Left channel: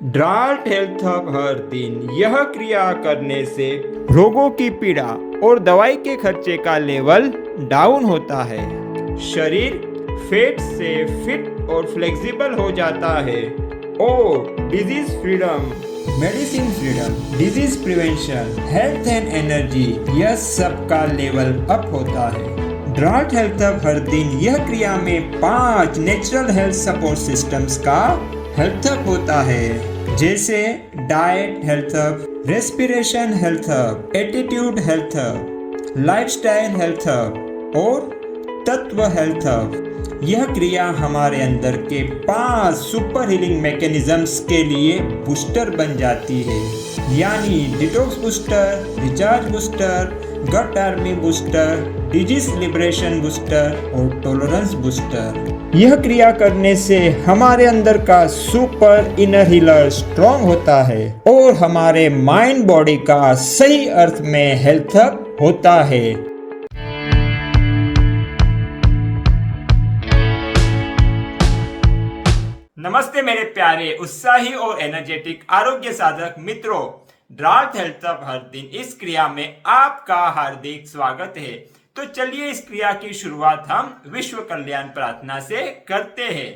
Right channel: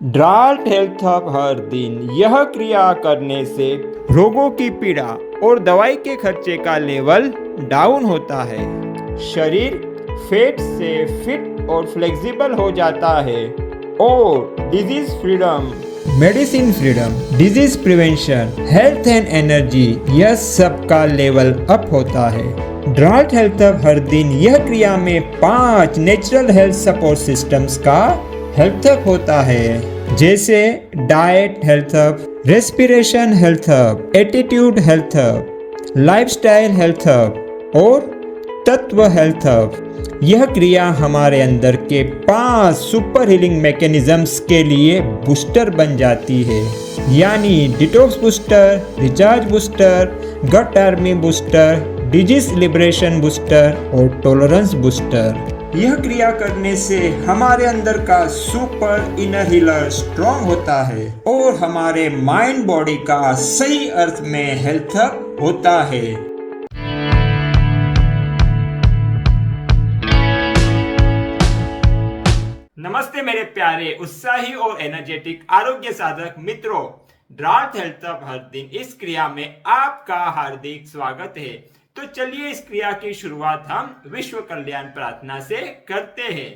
ड्राल्ट health hub हर दिन यह क्रिया करने से रोगों की पीड़ा और दवाई के खर्चे का लेवल डाउन होता है। शरीर फैट से फिट और फ्लेक्सिबल हो जाता है और disease freedom, medicine freedom, disease prevention, health and energy, यह सब का लेवल अप होता है। ड्राल्ट हेल्थ हब हर दिन यह क्रिया में 5 नेचुरल हेल्थ सपोर्ट सिस्टम्स का हेल्थ हब होता है, जैसे diet health hub, respiration health hub, attitude health hub, lifestyle health hub और तत्व हेल्थ हब। यह क्रिया हमारे अंदर के 5 सुपर हीलिंग मैकेनिज्म्स के लिए बूस्टर बन जाती है, यानी detox booster, recharge booster, gut army booster, disease liberation booster और टॉलरेंस बूस्टर। यह क्रिया करने से हमारे अंदर का सुपर इनर हीलर स्ट्रॉन्ग होता है और हमारे माइंड बॉडी का सही अर्थ में हेल्थ अप होता है। नमस्ते मेरे प्यारे उत्साही और एनर्जेटिक आरोग्य साधक मित्रों, ड्राल्ट हेल्थ हब हर दिन इस क्रिया में आपका हार्दिक स्वागत है। तो चलिए इस क्रिया की शुरुआत हम विश्व कल्याण प्रार्थना से करते हैं।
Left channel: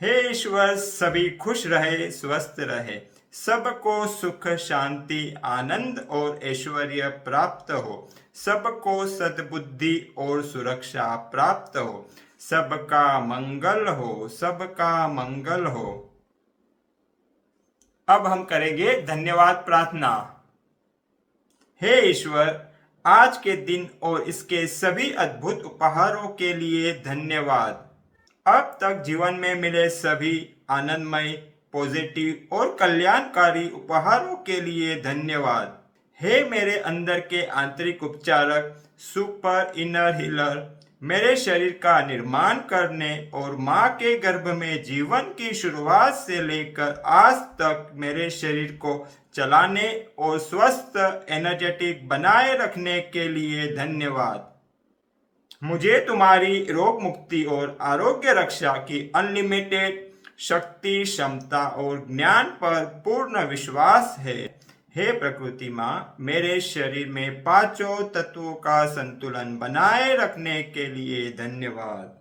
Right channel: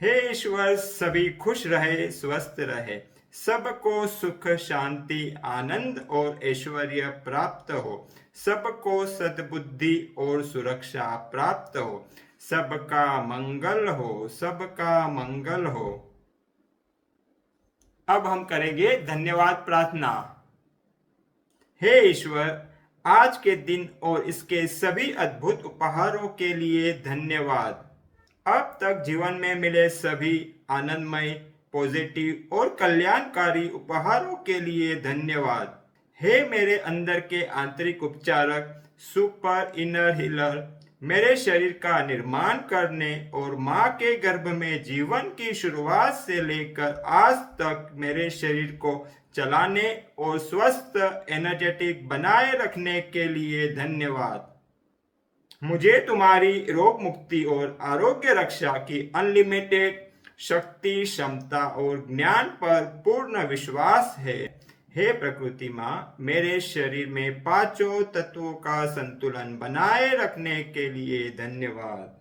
हे ईश्वर, सभी खुश रहे, स्वस्थ रहे, सबको सुख, शांति, आनंद और ऐश्वर्य प्राप्त हो, सबको सद्बुद्धि और सुरक्षा प्राप्त हो, सबका मंगल हो, सबका मंगल हो। अब हम करेंगे धन्यवाद प्रार्थना। हे ईश्वर, आज के दिन और इसके सभी अद्भुत उपहारों के लिए धन्यवाद। अब तक जीवन में मिले सभी आनंदमय, पॉजिटिव और कल्याणकारी उपहारों के लिए धन्यवाद। हे मेरे अंदर के आंतरिक उपचारक, सुपर इनर हीलर, मेरे शरीर का निर्माण करने और माँ के गर्भ में जीवन की शुरुआत से लेकर आज तक मेरे शरीर को चलाने और स्वस्थ एनर्जेटिक बनाए रखने के लिए धन्यवाद। मुझे तुम्हारी रोग मुक्ति और आरोग्य रक्षा की अनलिमिटेड शक्ति, क्षमता और ज्ञान पर पूर्ण विश्वास है। हे प्रकृति माँ, मेरे शरीर में 5 तत्वों का संतुलन बनाए रखने के लिए धन्यवाद।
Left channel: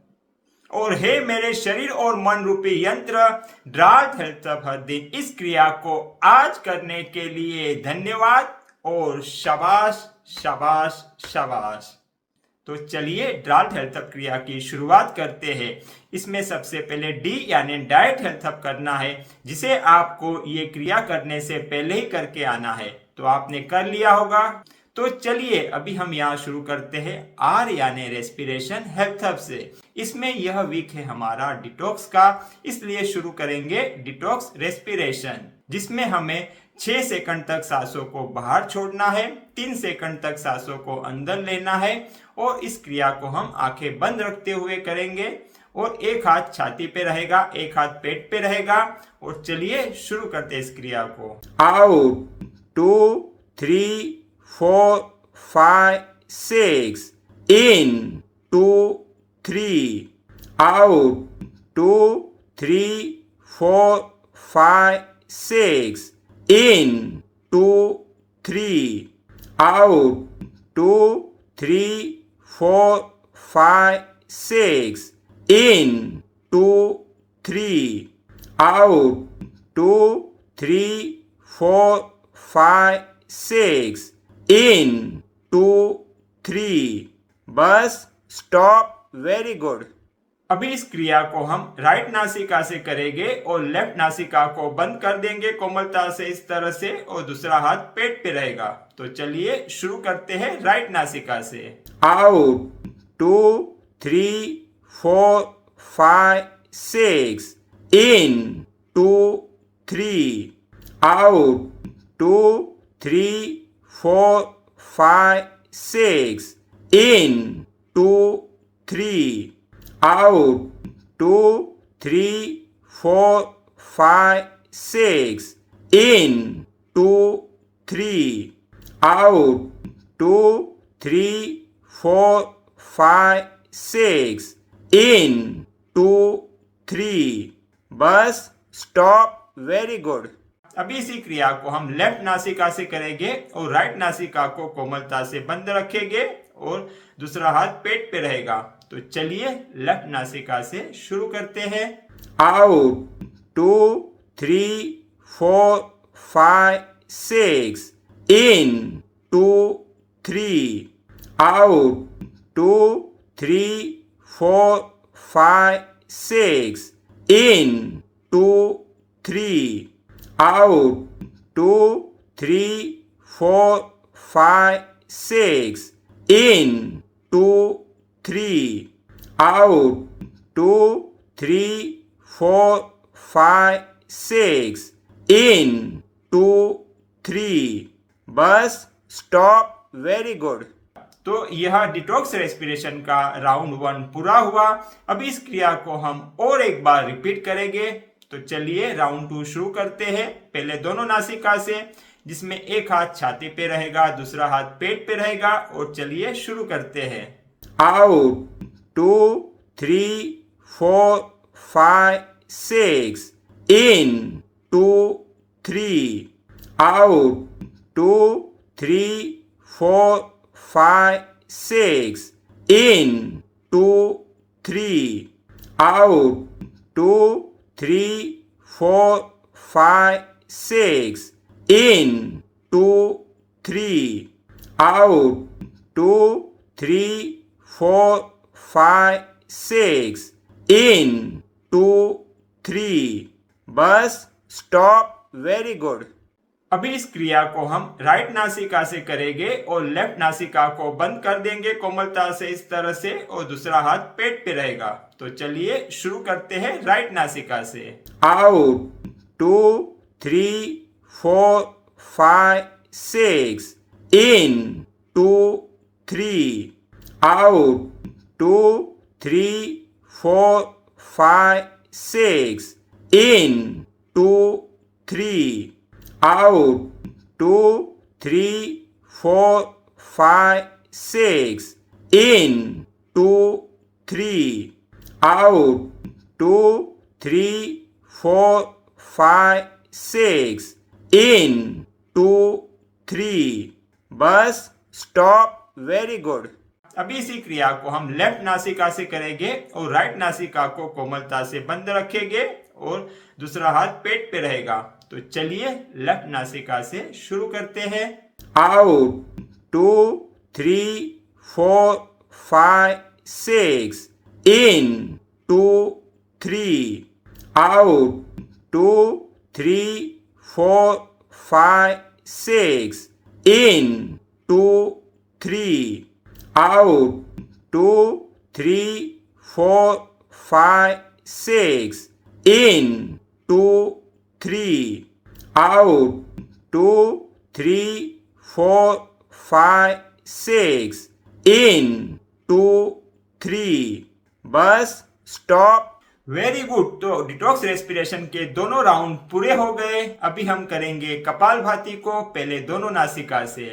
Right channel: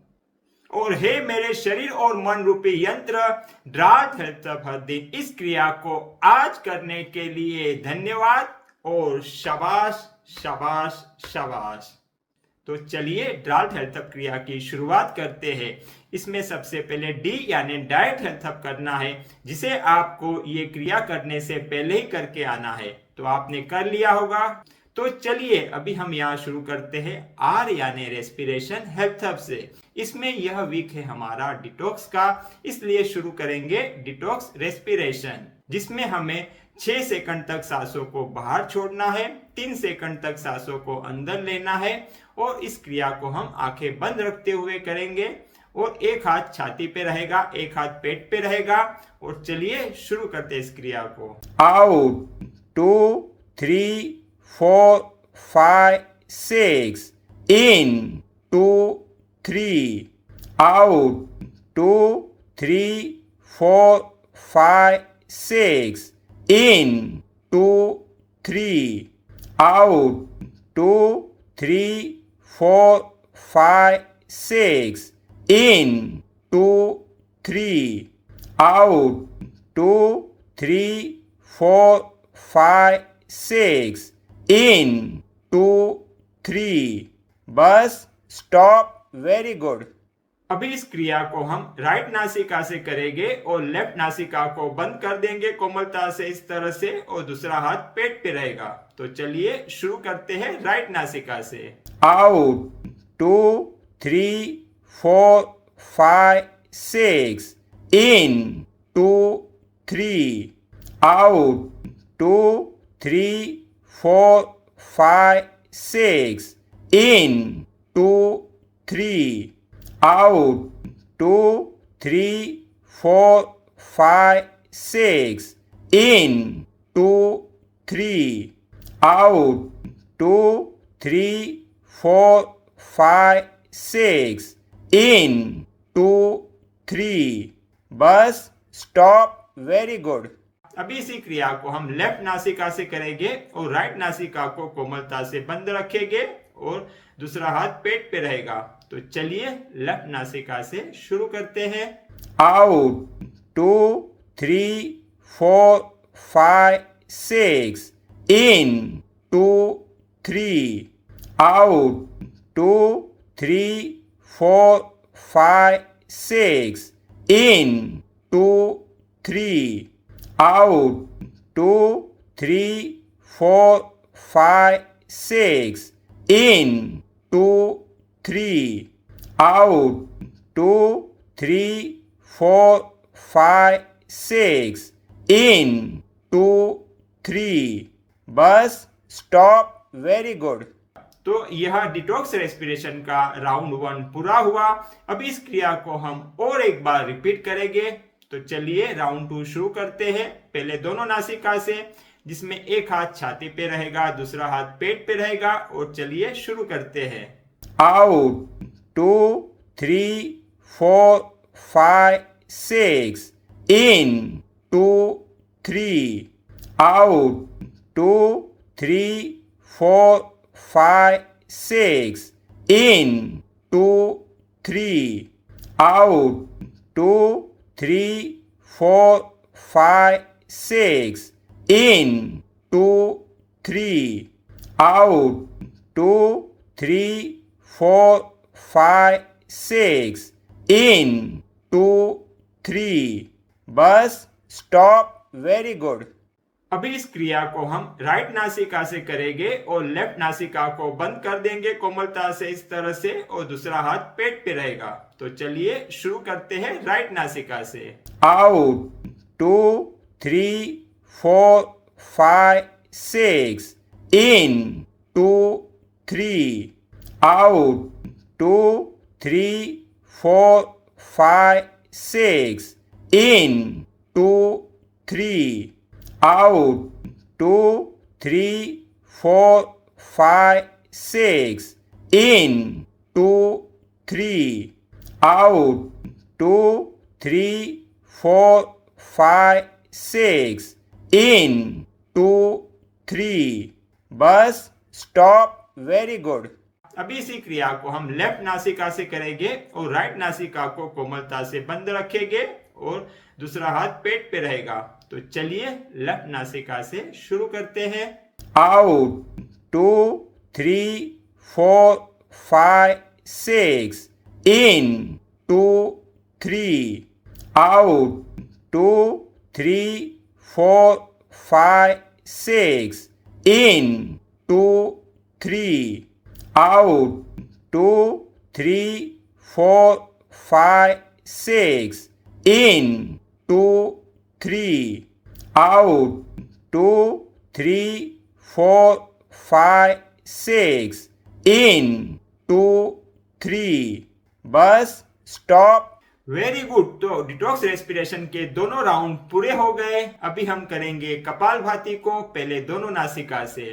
और हे मेरे शरीर और मन रूपी यंत्र ड्राल्ट हेल्थ हब हर दिन इस क्रिया को आज करने के लिए धन्यवाद और शाबाश शाबाश शाबाश। तो चलिए ड्राल्ट हेल्थ हब क्रिया की शुरुआत करते हैं। इसमें सबसे पहले डी यानी डाइट हेल्थ हब करना है, जिसे आपको ये क्रिया करने से पहले ही करके आना है। तो आपने कर लिया होगा। तो चलिए अभी हम यहाँ शुरू करते हैं आर यानी रेस्पिरेशन हेल्थ हब से। इसमें यह वीक है हमारा डिटॉक्स का, इसलिए शुरू करेंगे डिटॉक्स रेस्पिरेशन, जिसमें हमें 6 सेकंड तक सांसों को बाहर छोड़ना है, 3 सेकंड तक सांसों को अंदर लेना है और इस क्रिया को हम आंखें बंद रखते हुए करेंगे और एक हाथ छाती पे रहेगा, एक हाथ पेट पे रहेगा। और चलिए शुरू करते हैं इस क्रिया को। Out 2 3 4 5 6 in 2 3 out 2 3 4 5 6 in 2 3 out 2 3 4 5 6 in 2 3 out 2 3 4 5 6 in 2 3। Bus stop. Very good. अभी इस क्रिया को हम राइट नासिका से करेंगे और लेफ्ट नासिका को बंद कर देंगे कोमलता से इस तरह से, और दूसरा हाथ पेट पे रहेगा। तो चलिए शुरू करते हैं राइट नासिका से। Out 2 3 4 5 6 in 2 3 out 2 3 4 5 6 in 2 3 out 2 3 4 5 6 in 2 3 out 2 3 4 5 6 in 2 3। Bus stop. Very good. अभी इसी क्रिया को हम लेफ्ट नासिका से करेंगे और राइट नासिका को कोमलता से बंद रखेंगे और दूसरा हाथ पेट पे रहेगा। तो चलिए लेफ्ट नासिका से शुरू करते हैं। Out 2 3 4 5 6 in 2 3 out 2 3 4 5 6 in 2 3 out 2 3 4 5 6 in 2 3 out 2 3 4 5 6 in 2 3 bus stop. Very good. तो यह डिटॉक्स रेस्पिरेशन का राउंड 1 पूरा हुआ। अब इस क्रिया को हम और एक बार रिपीट करेंगे। तो चलिए राउंड 2 शुरू करते हैं। पहले दोनों नासिका से, जिसमें एक हाथ छाती पे रहेगा, दूसरा हाथ पेट पे रहेगा। और चलिए शुरू करते हैं। Out 2 3 4 5 6 in 2 3 out 2 3 4 5 6 in 2 3 out 2 3 4 5 6 in 2 3 out 2 3 4 5 6 in 2 3 bus stop. Very good. अभी इस क्रिया को हम राइट नासिका से करेंगे और लेफ्ट नासिका को बंद कर देंगे कोमलता से इस तरह से, और दूसरा हाथ पेट पे रहेगा। तो चलिए शुरू करते हैं राइट नासिका से। Out 2 3 4 5 6 in 2 3 out 2 3 4 5 6 in 2 3 out 2 3 4 5 6 in 2 3 out 2 3 4 5 6 in 2 3 bus stop. Very good. अभी इसी क्रिया को हम लेफ्ट नासिका से करेंगे और राइट नासिका को कोमलता से बंद रखेंगे और दूसरा हाथ पेट पे रहेगा। तो चलिए लेफ्ट नासिका से शुरू करते हैं। Out 2 3 4 5 6 in 2 3 out 2 3 4 5 6 in 2 3 out 2 3 4 5 6 in 2 3 out 2 3 4 5 6 in 2 3 bus stop. Very good. तो डिटॉक्स रेस्पिरेशन के दोनों राउंड पूरे हो गए। अभी हम करेंगे कपालभाति को। पहले दोनों नासिका से,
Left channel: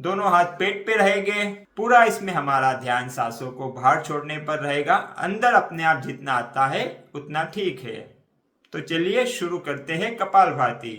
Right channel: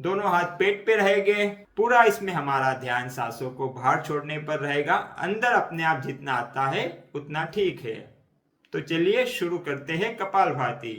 दोनों हाथ पेट पे रहेंगे। पूरा इसमें हमारा ध्यान सांसों को बाहर छोड़ने पर रहेगा। अंदर अपने आप जितना आता है उतना ठीक है। तो चलिए शुरू करते हैं कपालभाति।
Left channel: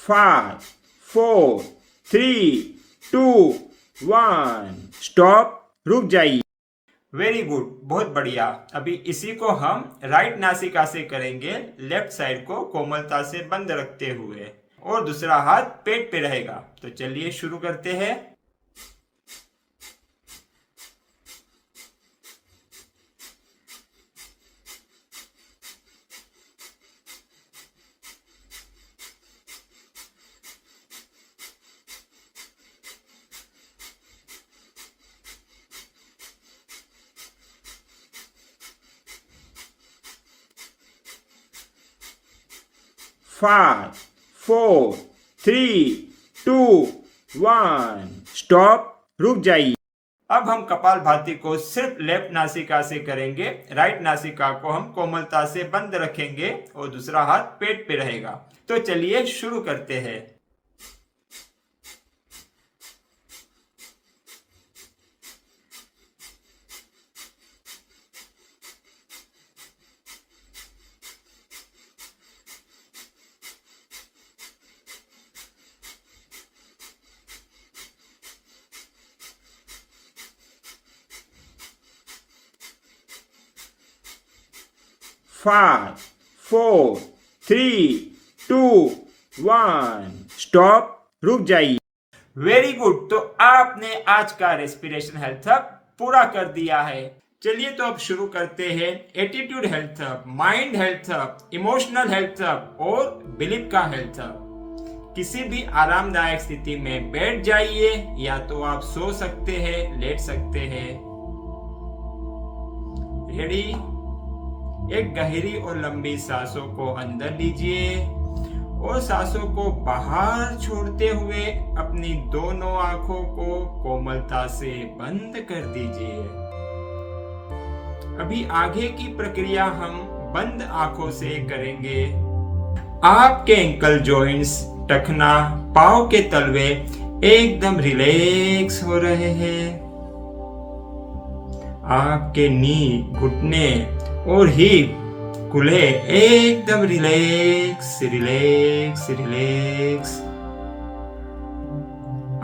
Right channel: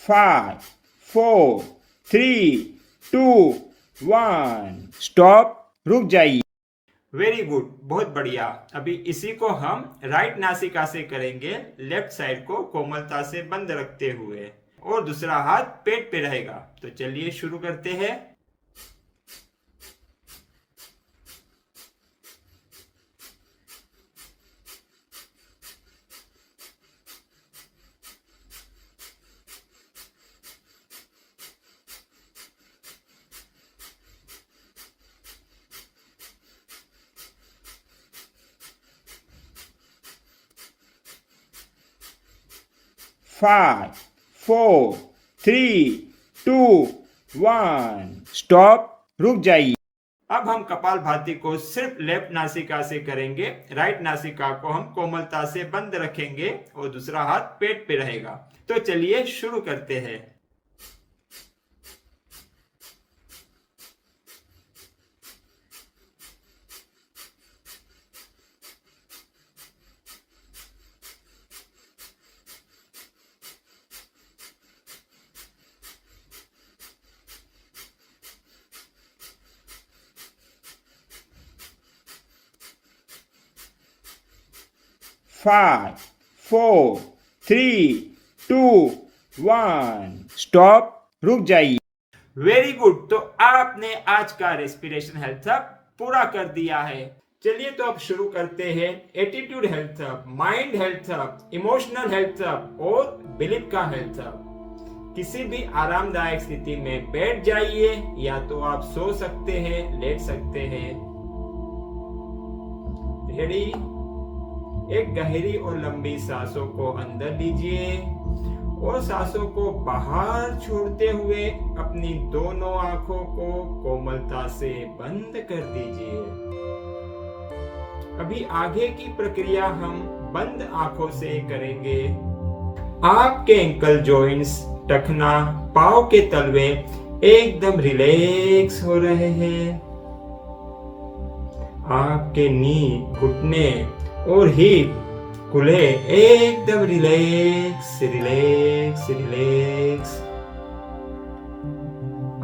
Five 4 3 2 1 stop. रुक जाइए। वेरी गुड, बहुत बढ़िया। अभी इसी को हम राइट नासिका से करेंगे, लेफ्ट साइड को कोमलता से बंद रखते हुए, और दूसरा हाथ पेट पे रहेगा। तो चलिए शुरू करते हैं। फाइव 4 3 2 1 स्टॉप, रुक जाइए। अब हम कपालभाति को सिर्फ लेफ्ट नासिका से करेंगे। राइट नासिका को हम कोमलता से बंद रखेंगे और दूसरा हाथ पेट पे रहेगा। तो चलिए शुरू करते हैं। फाइव, 4, 3, 2, 1 स्टॉप, रुक जाइए। Very good. तो आपने आज का रेस्पिरेशन हेल्थ हब पूरा कर दिया है। चलिए तो अब शुरू करते हैं attitude health hub, mind health hub, emotional health hub और बिलीफ का हेल्थ हब। किसी भी आरामदायक स्थिति में बैठ जाइए या तो आप सो सकते हैं, लेट सकते हैं। रेडी? एक गहरी और लंबी सांसों को अंदर लीजिए और सांसों को बाहर छोड़ते हुए अपनी दोनों आंखों को कोमलता से बंद कर दीजिए। अभी आगे की प्रक्रिया हम बंद आंखों से करेंगे। आपके एंकल जॉइंट्स, टखना, पांव के तलवे एकदम रिलैक्स हो रहे हैं। आपके नी, घुटने और हिप खुले एकदम रिलैक्स रिलैक्स रिलैक्स।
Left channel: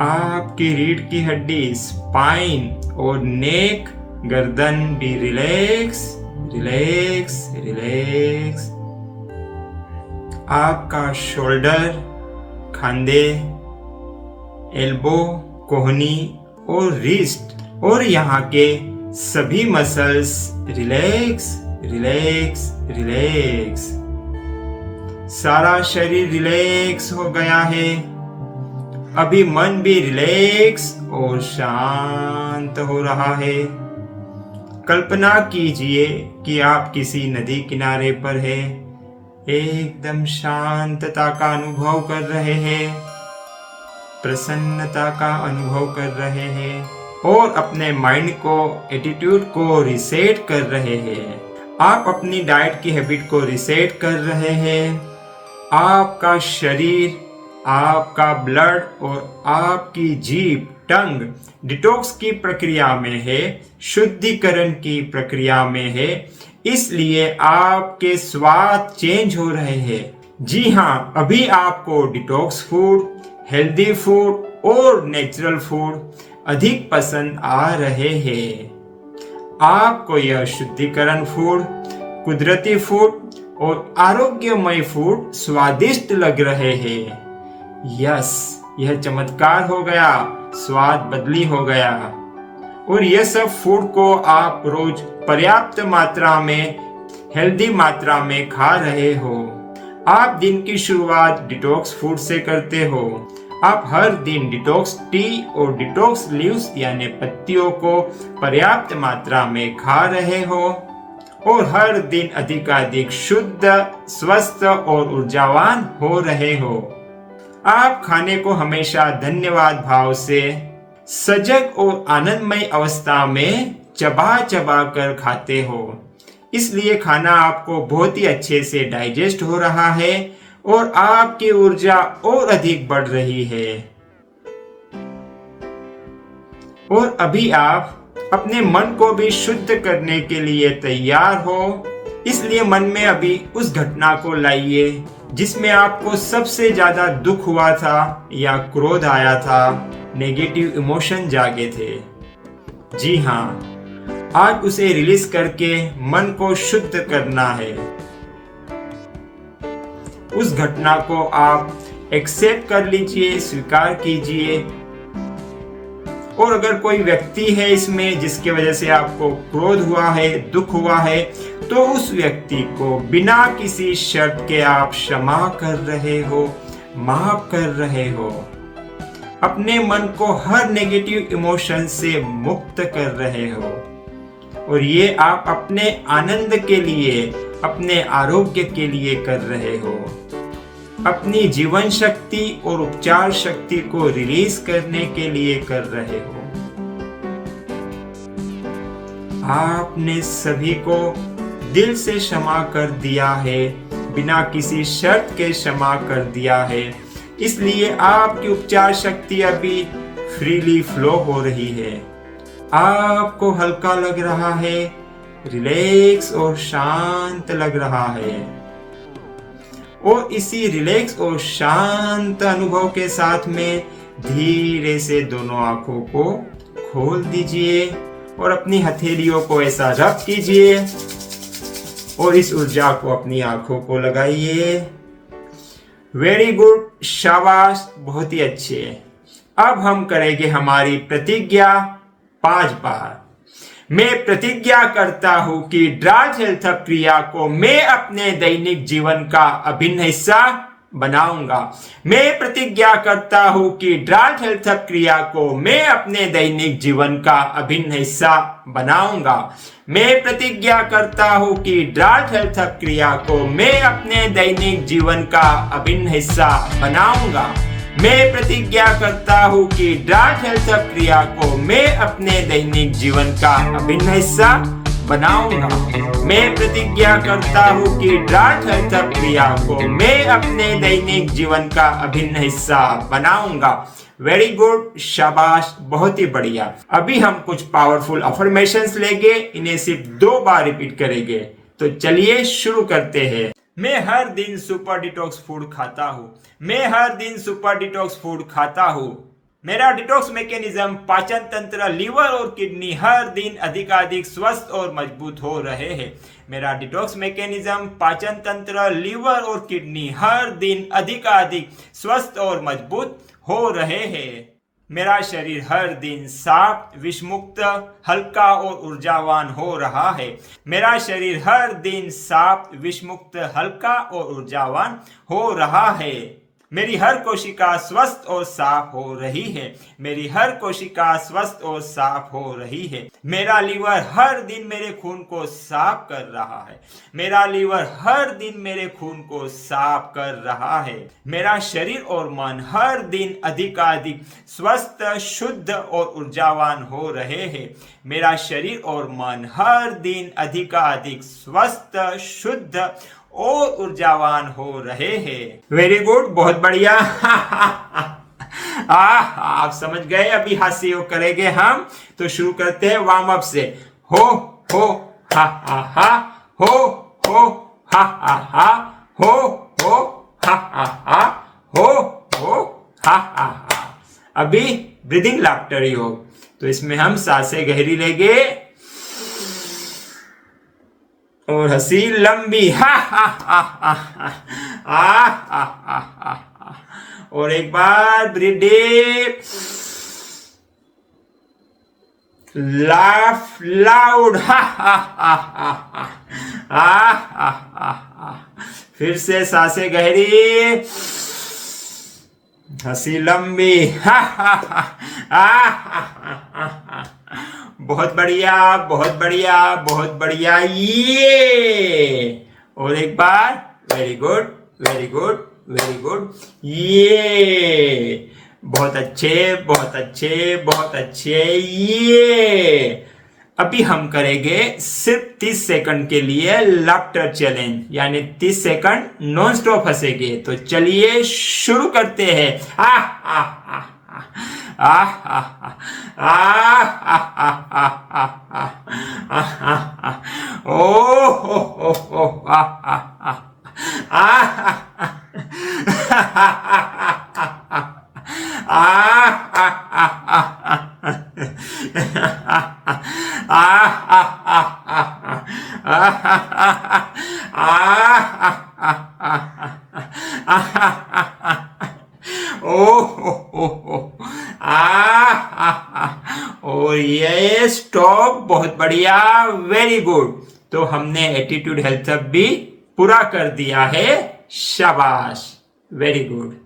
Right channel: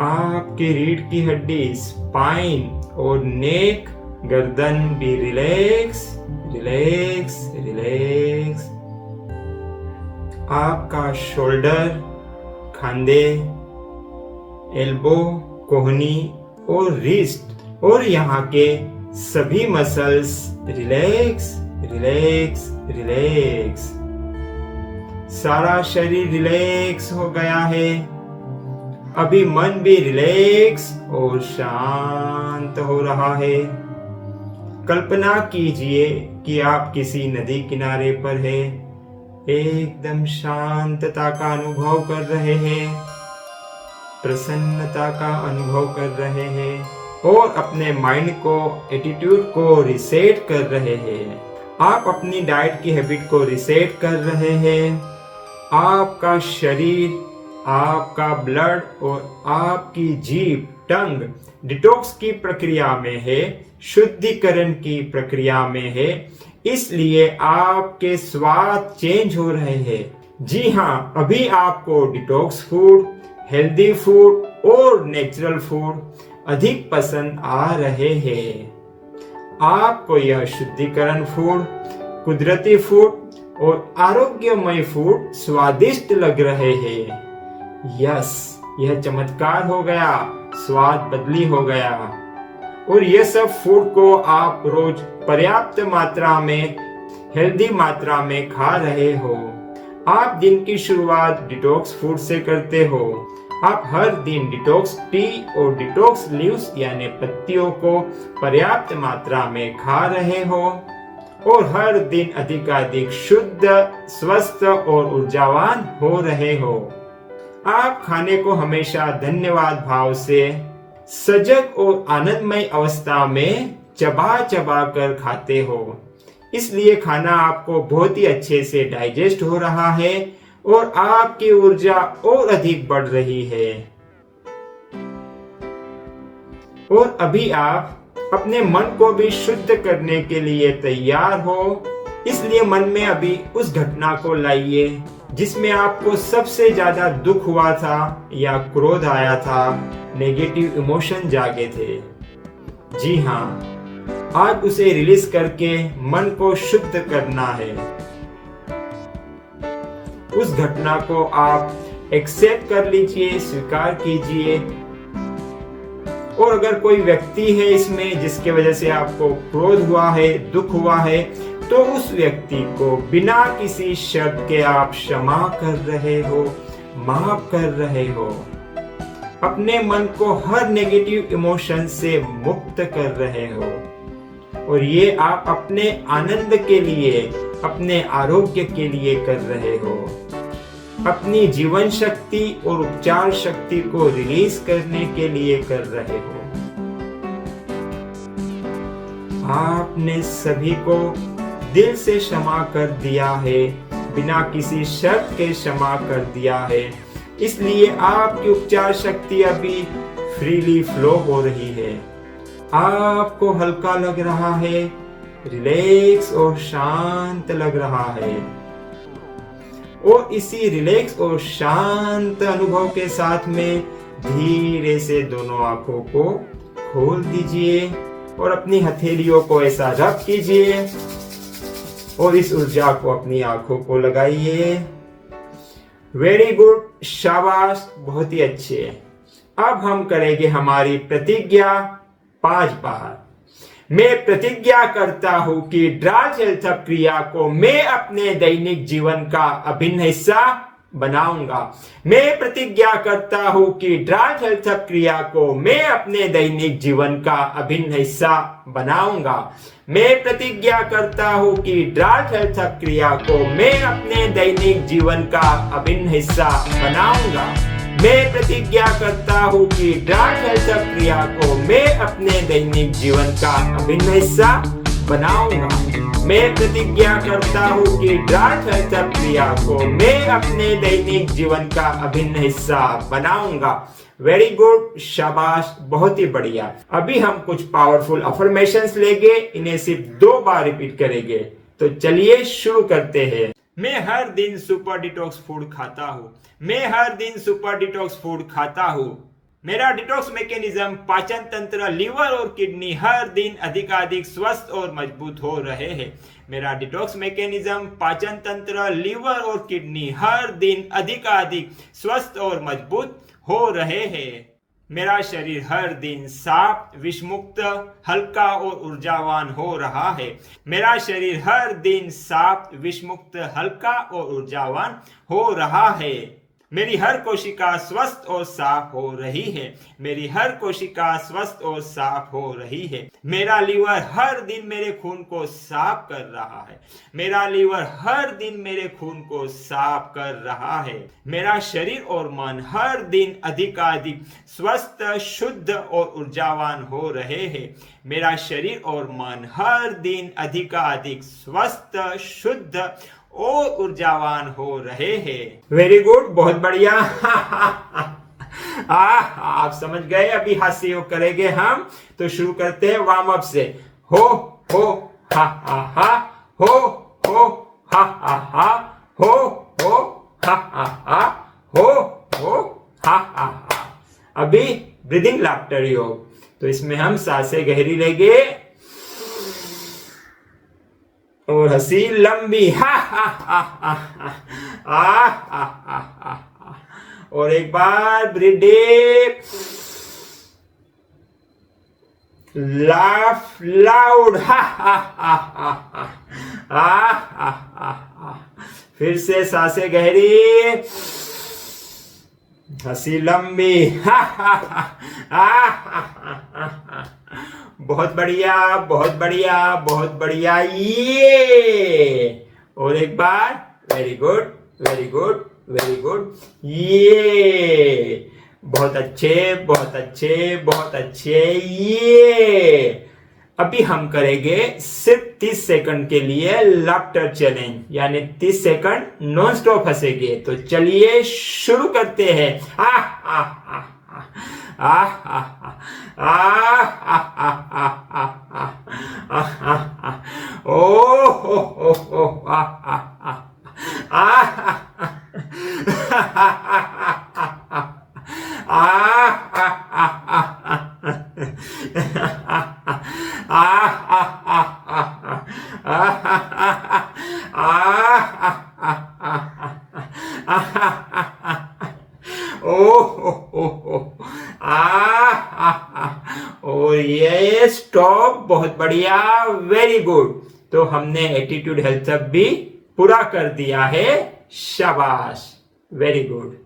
आपकी रीढ़ की हड्डी, स्पाइन और नेक, गर्दन भी रिलैक्स रिलैक्स रिलैक्स। आपका शोल्डर, खांधे, एल्बो, कोहनी और रिस्ट और यहाँ के सभी मसल्स रिलैक्स रिलैक्स रिलैक्स। सारा शरीर रिलैक्स हो गया है। अभी मन भी रिलैक्स और शांत हो रहा है। कल्पना कीजिए कि आप किसी नदी किनारे पर हैं, एकदम शांतता का अनुभव कर रहे हैं, प्रसन्नता का अनुभव कर रहे हैं और अपने माइंड को, एटीट्यूड को रिसेट कर रहे हैं। आप अपनी डाइट की हैबिट को रिसेट कर रहे हैं। आपका शरीर, आपका ब्लड और आपकी जीभ, टंग डिटॉक्स की प्रक्रिया में है, शुद्धिकरण की प्रक्रिया में है। इसलिए आपके स्वाद चेंज हो रहे हैं। जी हाँ, अभी आपको डिटॉक्स फूड, हेल्दी फूड और नेचुरल फूड अधिक पसंद आ रहे हैं। आपको यह शुद्धिकरण फूड, कुदरती फूड और आरोग्यमय फूड स्वादिष्ट लग रहे हैं। यस, यह चमत्कार हो गया, स्वाद बदली हो गया। और यह सब फूड को आप रोज पर्याप्त मात्रा में, हेल्दी मात्रा में खा रहे हो। आप दिन की शुरुआत डिटॉक्स फूड से करते हो। आप हर दिन डिटॉक्स टी और डिटॉक्स लीव्स यानी पत्तियों को पर्याप्त मात्रा में खा रहे हो और हर दिन अधिकाधिक शुद्ध, स्वस्थ और ऊर्जावान हो रहे हो। आप खाने को हमेशा धन्यवाद भाव से, सजग और आनंदमय अवस्था में चबा चबा कर खाते हो। इसलिए खाना आपको बहुत ही अच्छे से डाइजेस्ट हो रहा है और आपकी ऊर्जा और अधिक बढ़ रही है। और अभी आप अपने मन को भी शुद्ध करने के लिए तैयार हो। इसलिए मन में अभी उस घटना को लाइए जिसमें आपको सबसे ज्यादा दुख हुआ था या क्रोध आया था, नेगेटिव इमोशन जागे थे। जी हाँ, आज उसे रिलीज करके मन को शुद्ध करना है। उस घटना को आप एक्सेप्ट कर लीजिए, स्वीकार कीजिए। और अगर कोई व्यक्ति है इसमें जिसके वजह से आपको क्रोध हुआ है, दुख हुआ है, तो उस व्यक्ति को बिना किसी शर्त के आप क्षमा कर रहे हो, माफ कर रहे हो। अपने मन को हर नेगेटिव इमोशन से मुक्त कर रहे हो। और ये आप अपने आनंद के लिए, अपने आरोग्य के लिए कर रहे हो। अपनी जीवन शक्ति और उपचार शक्ति को रिलीज करने के लिए कर रहे हो। आपने सभी को दिल से क्षमा कर दिया है, बिना किसी शर्त के क्षमा कर दिया है, इसलिए आपकी उपचार शक्ति अभी फ्रीली फ्लो हो रही है। आपको हल्का लग रहा है, रिलैक्स और शांत लग रहा है। और इसी रिलैक्स और शांत अनुभव के साथ में धीरे से दोनों आंखों को खोल दीजिए और अपनी हथेलियों को ऐसा रब कीजिए और इस ऊर्जा को अपनी आंखों को लगाइए। वेरी गुड, शाबाश, बहुत ही अच्छे। अब हम करेंगे हमारी प्रतिज्ञा 5 बार। मैं प्रतिज्ञा करता हूं कि ड्रार्ट हेल्थ हब क्रिया को मैं अपने दैनिक जीवन का अभिन्न हिस्सा बनाऊंगा। मैं प्रतिज्ञा करता हूं कि ड्रार्ट हेल्थ हब क्रिया को मैं अपने दैनिक जीवन का अभिन्न हिस्सा बनाऊंगा। मैं प्रतिज्ञा करता हूं कि ड्रार्ट हेल्थ हब क्रिया को मैं अपने दैनिक जीवन का अभिन्न हिस्सा बनाऊंगा। मैं प्रतिज्ञा करता हूं कि ड्रार्ट हेल्थ हब क्रिया को मैं अपने दैनिक जीवन का अभिन्न हिस्सा बनाऊंगा। मैं प्रतिज्ञा करता हूं कि ड्रार्ट हेल्थ हब क्रिया को मैं अपने दैनिक जीवन का अभिन्न हिस्सा बनाऊंगा। वेरी गुड, शाबाश, बहुत ही बढ़िया। अभी हम कुछ पावरफुल अफर्मेशंस लेंगे, इन्हें सिर्फ 2 बार रिपीट करेंगे। तो चलिए शुरू करते हैं। मैं हर दिन सुपर डिटॉक्स फूड खाता हूँ। मैं हर दिन सुपर डिटॉक्स फूड खाता हूँ। मेरा डिटॉक्स मैकेनिज्म, पाचन तंत्र, लीवर और किडनी हर दिन अधिकाधिक स्वस्थ और मजबूत हो रहे हैं। मेरा डिटॉक्स मैकेनिज्म, पाचन तंत्र, लीवर और किडनी हर दिन अधिकाधिक स्वस्थ और मजबूत हो रहे हैं। मेरा शरीर हर दिन साफ, विषमुक्त, हल्का और ऊर्जावान हो रहा है। मेरा शरीर हर दिन साफ, विषमुक्त, हल्का और ऊर्जावान हो रहा है। मेरी हर कोशिका स्वस्थ और साफ हो रही है। मेरी हर कोशिका स्वस्थ और साफ हो रही है। मेरा लीवर हर दिन मेरे खून को साफ कर रहा है। मेरा लीवर हर दिन मेरे खून को साफ कर रहा है। मेरा शरीर और मन हर दिन अधिकाधिक स्वस्थ, शुद्ध और ऊर्जावान हो रहे हैं। मेरा शरीर और मन हर दिन अधिकाधिक स्वस्थ, शुद्ध और ऊर्जावान हो रहे हैं। वेरी गुड, बहुत बढ़िया। आप समझ गए। अभी हास्य योग करेंगे हम, तो शुरू करते हैं वार्म अप से। हो हा हा, हो हा हा, हो हा हा, हो हा हा। अभी ब्रीदिंग लाफ्टर योग, तो इसमें हम सांसें गहरी लेंगे और हंसी लंबी, हा हा हा हा हा हा हा। और एक बार ब्रीथ डीप, लाफ लाउड, हा हा हा हा हा हा। फिर से सांसें गहरी, हंसी लंबी, हा हा हा। बहुत बढ़िया, बहुत बढ़िया, बहुत बढ़िया। ये और एक बार, very good, very good, very good. ये बहुत अच्छे, बहुत अच्छे, बहुत अच्छे। ये अभी हम करेंगे सिर्फ 30 सेकंड के लिए लाफ्टर चैलेंज, यानी 30 सेकंड नॉन स्टॉप हंसेंगे। तो चलिए शुरू करते हैं। और ये स्टॉप, बहुत बढ़िया, वेरी गुड। तो हमने एटीट्यूड हेल्थ हब भी पूरा कर दिया है, शाबाश, वेरी गुड।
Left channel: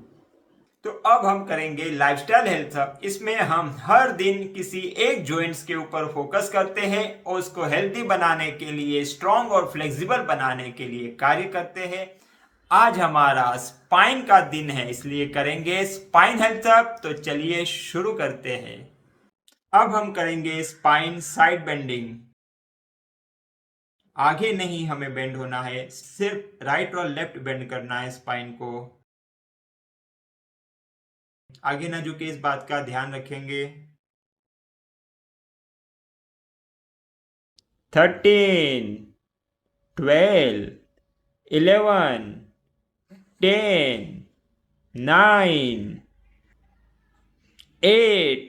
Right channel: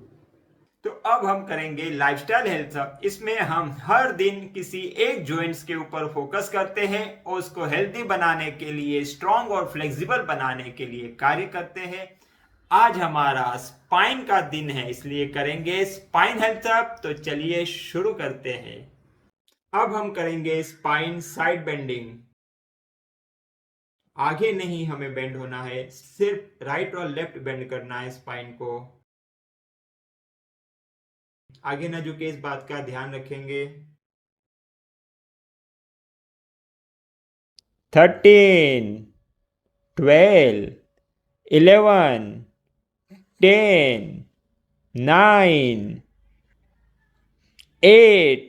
तो अब हम करेंगे लाइफस्टाइल हेल्थ हब। इसमें हम हर दिन किसी एक जॉइंट्स के ऊपर फोकस करते हैं और उसको हेल्दी बनाने के लिए, स्ट्रॉन्ग और फ्लेक्सिबल बनाने के लिए कार्य करते हैं। आज हमारा स्पाइन का दिन है, इसलिए करेंगे स्पाइन हेल्थ अप। तो चलिए शुरू करते हैं। अब हम करेंगे स्पाइन साइड बेंडिंग। आगे नहीं हमें बेंड होना है, सिर्फ राइट और लेफ्ट बेंड करना है स्पाइन को। आगे ना झुके, इस बात का ध्यान रखेंगे। 13, 12, 11, 10, 9, 8,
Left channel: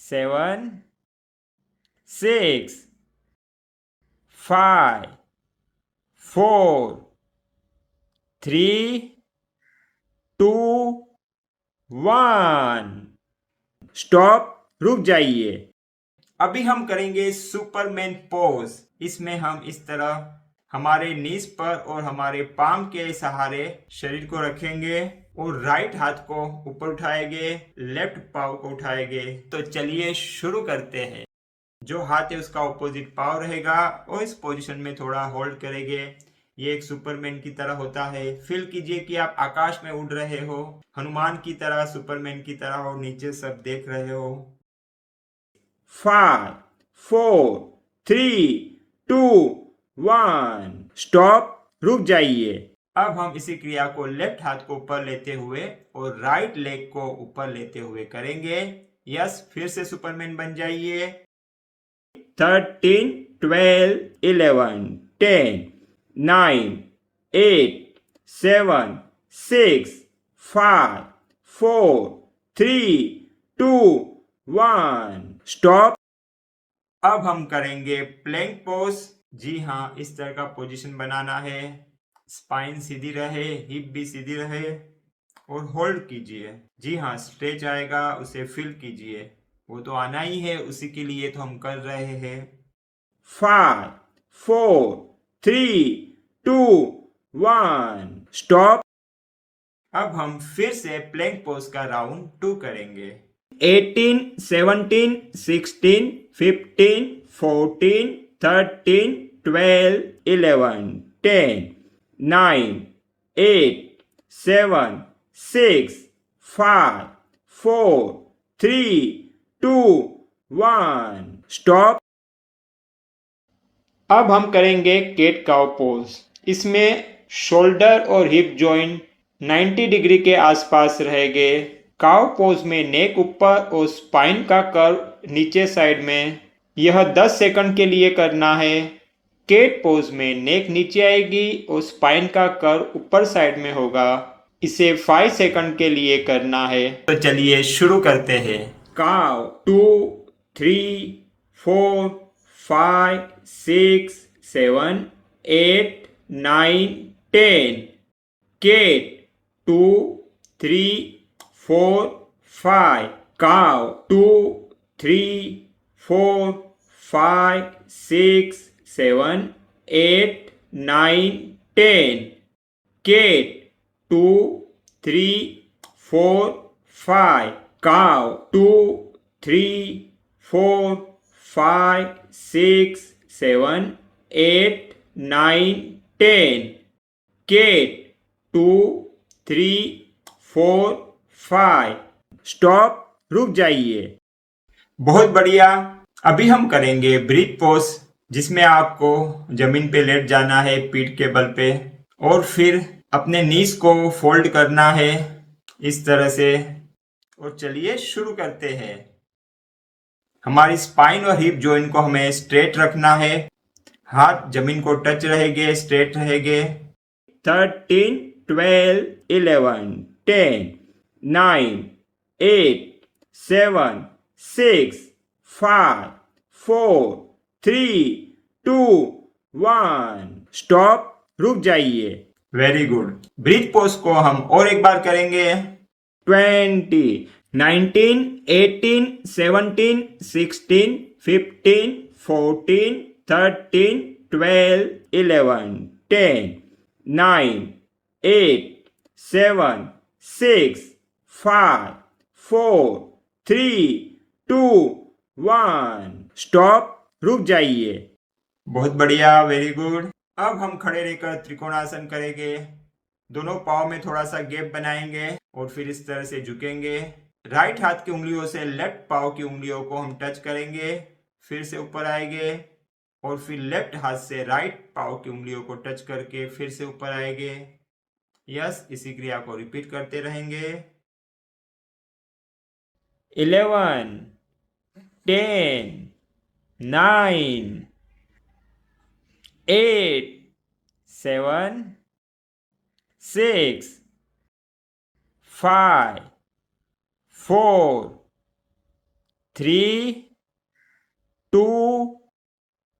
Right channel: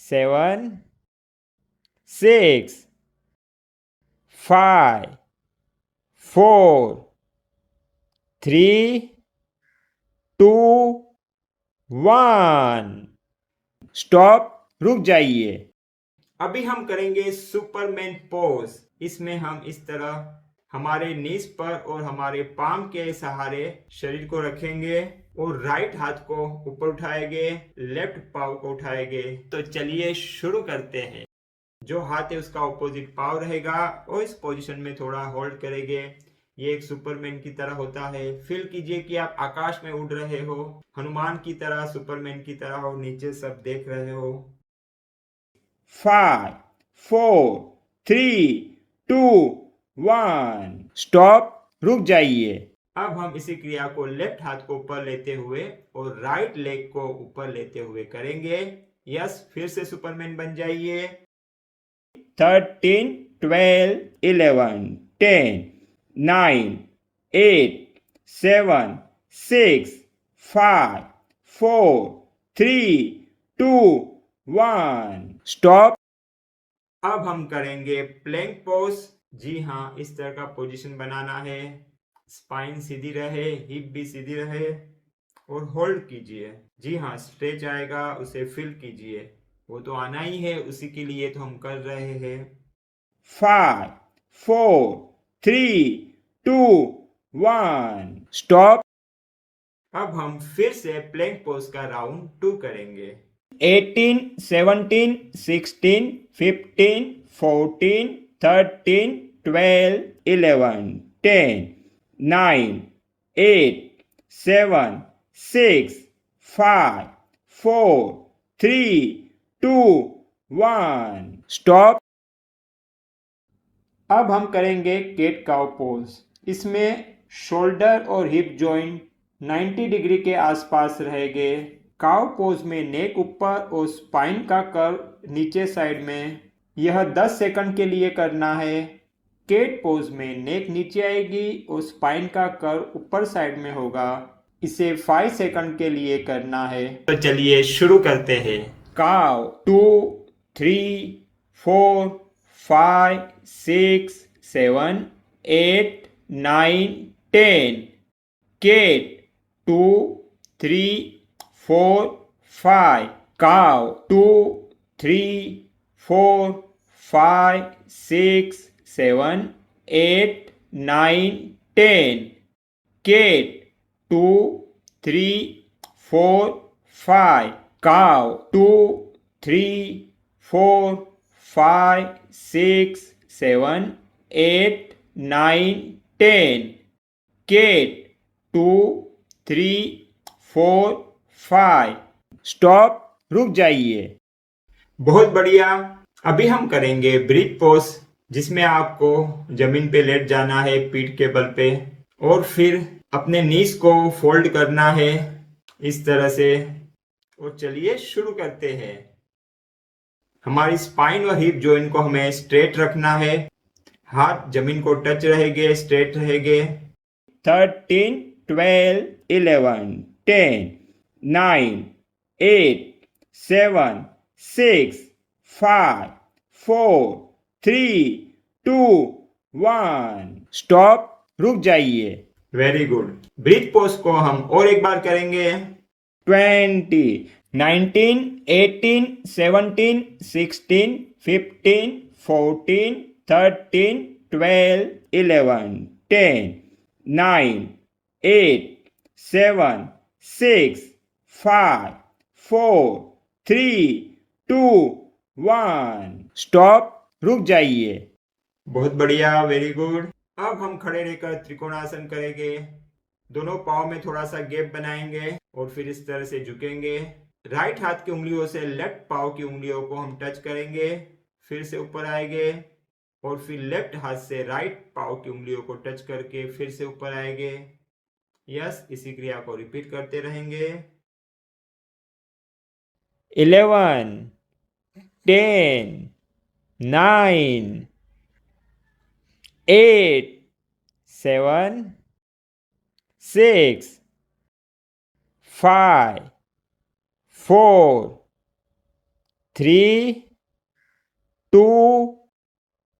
7, 6, 5, 4, 3, 2, 1। स्टॉप, रुक जाइए। अभी हम करेंगे सुपरमैन पोज। इसमें हम इस तरह हमारे नीज पर और हमारे पाम के सहारे शरीर को रखेंगे और राइट हाथ को ऊपर उठाएंगे, लेफ्ट पाव को उठाएंगे। तो चलिए शुरू करते हैं। जो हाथ है उसका ऑपोजिट पाव रहेगा और इस पोजीशन में थोड़ा होल्ड करेंगे। ये एक सुपरमैन की तरह होता है। फील कीजिए कि आप आकाश में उड़ रहे हो, हनुमान की तरह, सुपरमैन की तरह हो, नीचे सब देख रहे हो। 5, 4, 3, 2, 1। स्टॉप, रुक जाइए। अब हम इसी क्रिया को लेफ्ट हाथ को ऊपर लेते हुए और राइट लेग को ऊपर लेते हुए करेंगे। यस, फिर से सुपरमैन बन जाइए। 13, 12, 11, 10, 9, 8, 7, 6, 5, 4, 3, 2, 1। स्टॉप। अब हम करेंगे प्लैंक पोज। जी हाँ, इस तरह का पोजीशन बनाना है। स्पाइन सीधी रहे, हिप भी सीधी रहे और होल्ड कीजिए। जी हाँ, स्ट्रेच आएगा, उसे फील कीजिए। वो तो आना ही है, उसी के लिए तो हम कर रहे हैं। 5, 4, 3, 2, 1। स्टॉप। अब हम फिर से प्लैंक पोज का राउंड 2 करेंगे। 18, 17, 16, 15, 14, 13, 12, 11, 10, 9, 8, 7, 6, 5, 4, 3, 2, 1। स्टॉप। अब हम करेंगे केट काउ पोज। इसमें शोल्डर और हिप जॉइंट 90 डिग्री के आसपास रहेंगे। काउ पोज में नेक ऊपर और स्पाइन का कर्व नीचे साइड में। यह 10 सेकंड के लिए करना है। केट पोज में नेक नीचे आएगी और स्पाइन का कर्व ऊपर साइड में होगा। इसे 5 सेकंड के लिए करना है। तो चलिए शुरू करते हैं। Cow 2, 3, 4, 5, 6, 7, 8, 9, 10। Cat 2, 3, 4, 5. Cow 2, 3, 4, 5, 6, 7, 8, 9, 10. Cat 2, 3, 4, 5. Cow 2, 3, 4, 5, 6, 7, 8, 9, 10. Cat 2, 3, 4, 5। Stop, रुक जाइए। बहुत बढ़िया। अभी हम करेंगे ब्रीथ पोज, जिसमें आपको जमीन पे लेट जाना है पीठ के बल पे और फिर अपने नीज को फोल्ड करना है इस तरह से। और चलिए शुरू करते हैं। हमारी स्पाइन और हिप जॉइंट को हमें स्ट्रेट रखना है। हाथ जमीन को टच रहेंगे, स्ट्रेट रहेंगे। 13, 12, 11, 10, 9, 8, 7, 6, 5, 4, 3, 2, 1। स्टॉप, रुक जाइए। Very good. ब्रीथ पोज को हम और एक बार करेंगे। 20, 19, 18, 17, 16, 15, 14, 13, 12, 11, 10, 9, 8, 7, 6, 5, 4, 3, 2, 1। स्टॉप, रुक जाइए। बहुत बढ़िया, वेरी गुड। अब हम खड़े रहकर त्रिकोणासन करेंगे। दोनों पाँव में थोड़ा सा गैप बनाएंगे और फिर इस तरह से झुकेंगे। राइट हाथ की उंगलियों से लेफ्ट पाँव की उंगलियों को हम टच करेंगे, फिर से ऊपर आएंगे और फिर लेफ्ट हाथ से राइट पाँव की उंगलियों को टच करके फिर से ऊपर आएंगे। यस, इसी क्रिया को रिपीट करते रहेंगे। 11, 10, 9, 8, 7, 6, 5, 4, 3, 2,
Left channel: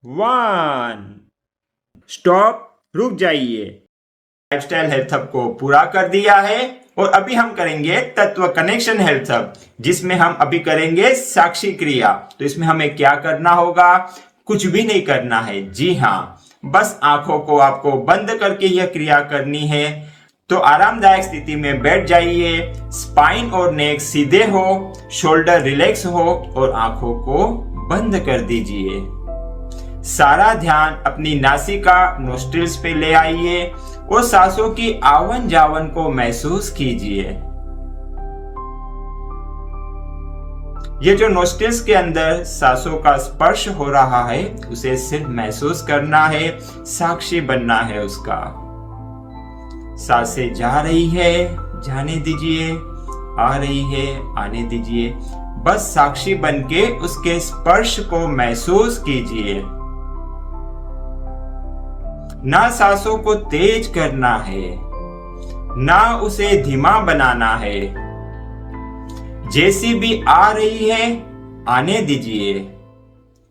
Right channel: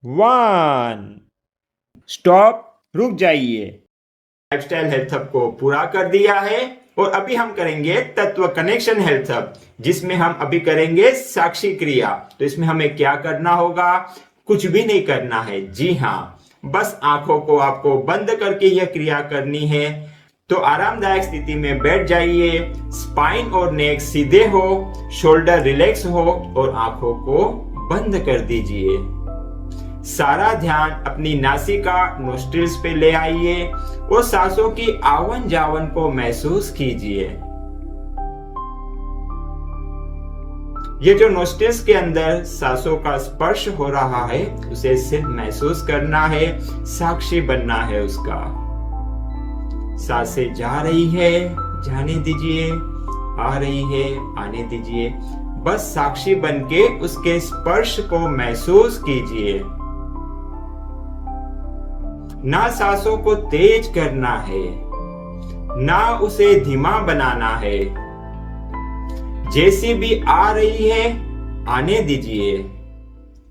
1। स्टॉप, रुक जाइए। लाइफस्टाइल हेल्थ हब को पूरा कर दिया है और अभी हम करेंगे तत्व कनेक्शन हेल्थ हब, जिसमें हम अभी करेंगे साक्षी क्रिया। तो इसमें हमें क्या करना होगा? कुछ भी नहीं करना है। जी हाँ, बस आंखों को आपको बंद करके यह क्रिया करनी है। तो आरामदायक स्थिति में बैठ जाइए, स्पाइन और नेक सीधे हो, शोल्डर रिलैक्स हो और आंखों को बंद कर दीजिए। सारा ध्यान अपनी नासिका नोस्ट्रिल्स पे ले आइए और सांसों की आवन जावन को महसूस कीजिए। ये जो नोस्ट्रिल्स के अंदर सांसों का स्पर्श हो रहा है, उसे सिर्फ महसूस करना है, साक्षी बनना है उसका। सांसें जा रही है, जाने दीजिए, आ रही है, आने दीजिए। बस साक्षी बनके उसके स्पर्श को महसूस कीजिए। ना सांसों को तेज करना है, ना उसे धीमा बनाना है। जैसी भी आ रही है आने दीजिए,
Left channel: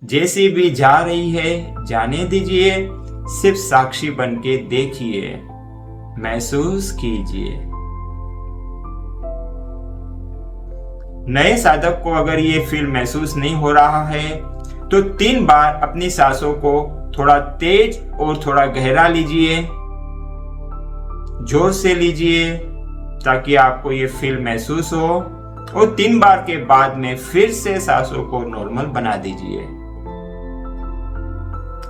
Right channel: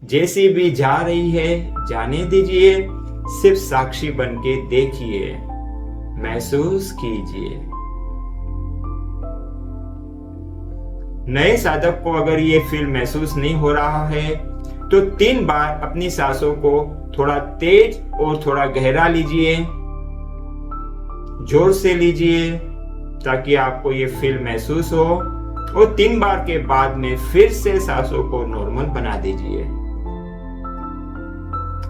जैसी भी जा रही है जाने दीजिए। सिर्फ साक्षी बनके देखिए, महसूस कीजिए। नए साधक को अगर ये फील महसूस नहीं हो रहा है तो 3 बार अपनी सांसों को थोड़ा तेज और थोड़ा गहरा लीजिए, जोर से लीजिए, ताकि आपको ये फील महसूस हो। और 3 बार के बाद में फिर से सांसों को नॉर्मल बना दीजिए।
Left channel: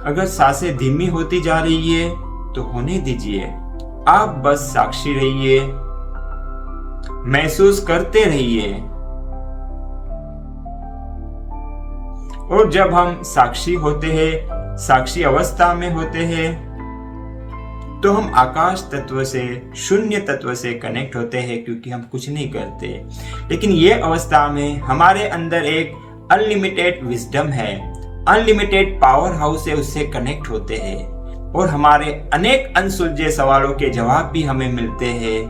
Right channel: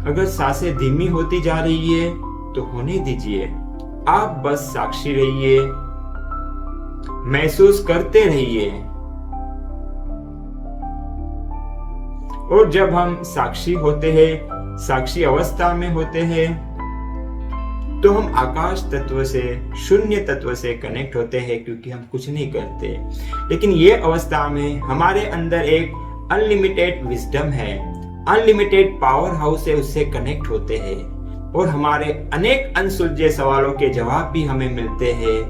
अगर सांसें धीमी होती जा रही है तो होने दीजिए, आप बस साक्षी रहिए, महसूस करते रहिए। और जब हम साक्षी होते हैं, साक्षी अवस्था में होते हैं, तो हम आकाश तत्व से, शून्य तत्व से कनेक्ट होते हैं, क्योंकि हम कुछ नहीं करते। लेकिन ये अवस्था में हमारे अंदर एक अनलिमिटेड विजडम है, अनलिमिटेड पावर हाउस है, उससे कनेक्ट होते हैं और हमारे अनेक अनसुलझे सवालों के जवाब भी हमें मिलते हैं।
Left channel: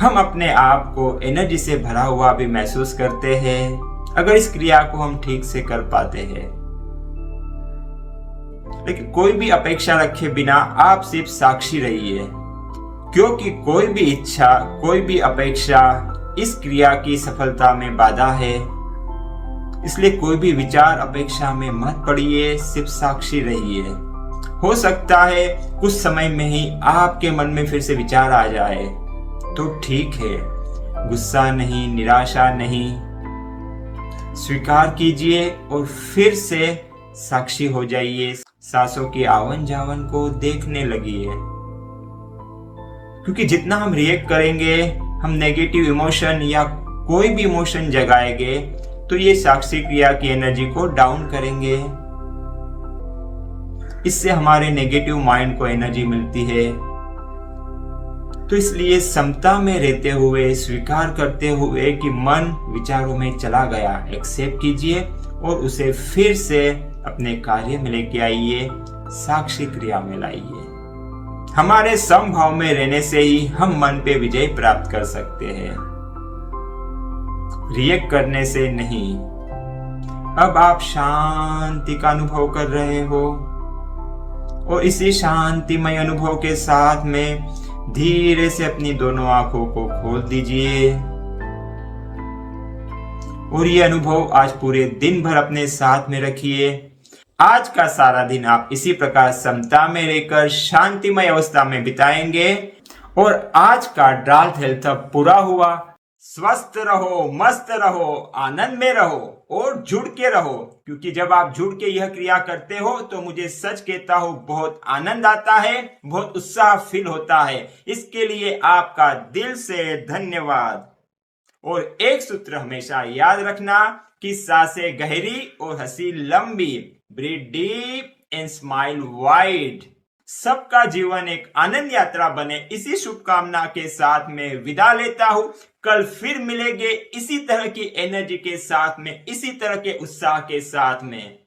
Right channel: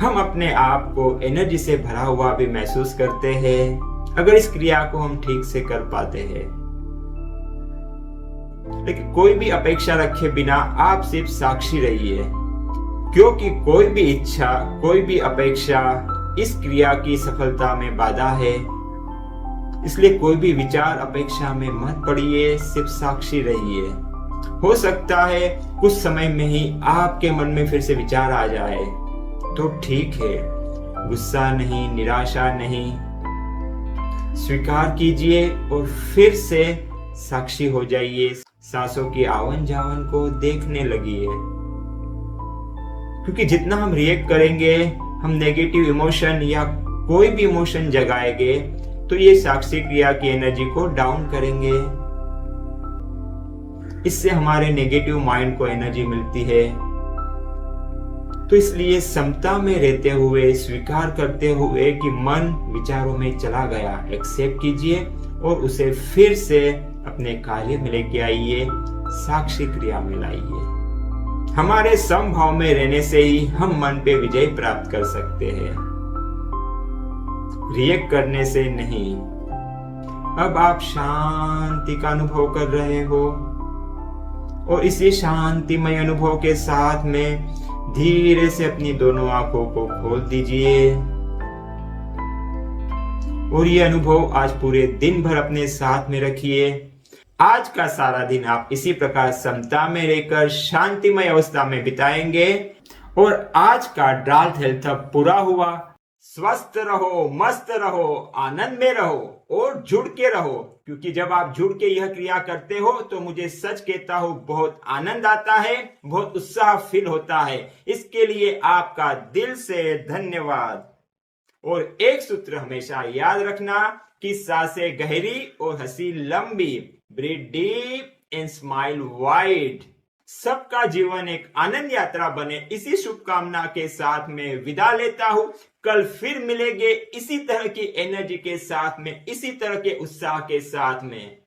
हम अपने आप को एनर्जी से भरा हुआ भी महसूस करते हैं, अगर इस क्रिया को हम ठीक से कर पाते हैं। लेकिन कोई भी अपेक्षा रखे बिना आप सिर्फ साक्षी रहिए, क्योंकि कोई भी इच्छा, कोई भी अपेक्षा इस क्रिया की सफलता में बाधा है। इसलिए कोई भी विचार अपेक्षा में मत पड़िए, सिर्फ साक्षी रहिए। हो सकता है कुछ समय में ही आपके मन में फिर से विचार आ जाए, तो ठीक है, गुस्सा नहीं, निराशा नहीं, स्वीकार कीजिए और फिर से साक्षी हो जाइए। सांसों की आवन जावन को देखने लगिए, क्योंकि जितना हम रिएक्ट करेंगे, हम नेगेटिव इमोशन या कोई भी इमोशन जगाएंगे, तो ये साक्षी क्रिया की एनर्जी को डाउन करेंगे। इससे हमारे नेगेटिव माइंड को एनर्जी मिलती है। तो इसलिए समता में रहते हुए, स्वीकार करते हुए कि मन विचारों में चला गया, एक्सेप्ट कीजिए और उसे फिर से अपने कार्य में लेके आइए, साक्षी क्रिया में लाइए। हमारे समभाव में रहने से ही हम मन पे विजय प्राप्त कर सकते हैं, रिएक्ट करने से नहीं। अब आप शांति का अनुभव कर रहे हो और इसी शांतिमय अनुभव के साथ में धीरे से अपनी दोनों आंखों को खोल दीजिए और ये अनुभव आज पूरे दिन भर अपने साथ में रखिए। आज का सारा दिन आप इसी प्रकार समता में रहकर शांतिमय अवस्था में बिताएंगे और आज का डार्क हेल्थ हब पूरा हुआ। स्वस्थ रहो, मस्त रहो, आनंद में रहो और जुड़ के रहो, क्योंकि जब आप जुड़ के यह क्रिया करते हो तो मुझे सच कहता हूं बहुत आनंद आता है, बहुत उत्साह फील होता है। इसके लिए आपका दिल से धन्यवाद। और एक सूत्र हमेशा याद रखना कि सांसें गहरी और हंसी लंबी। Breathe deep and smile wide. सबका जीवन एक आनंद यात्रा बने, इसी शुभकामना के साथ में विदा लेता हूं। कल फिर मिलेंगे इसी तरह की एनर्जी के साथ में, इसी तरह के उत्साह के साथ में।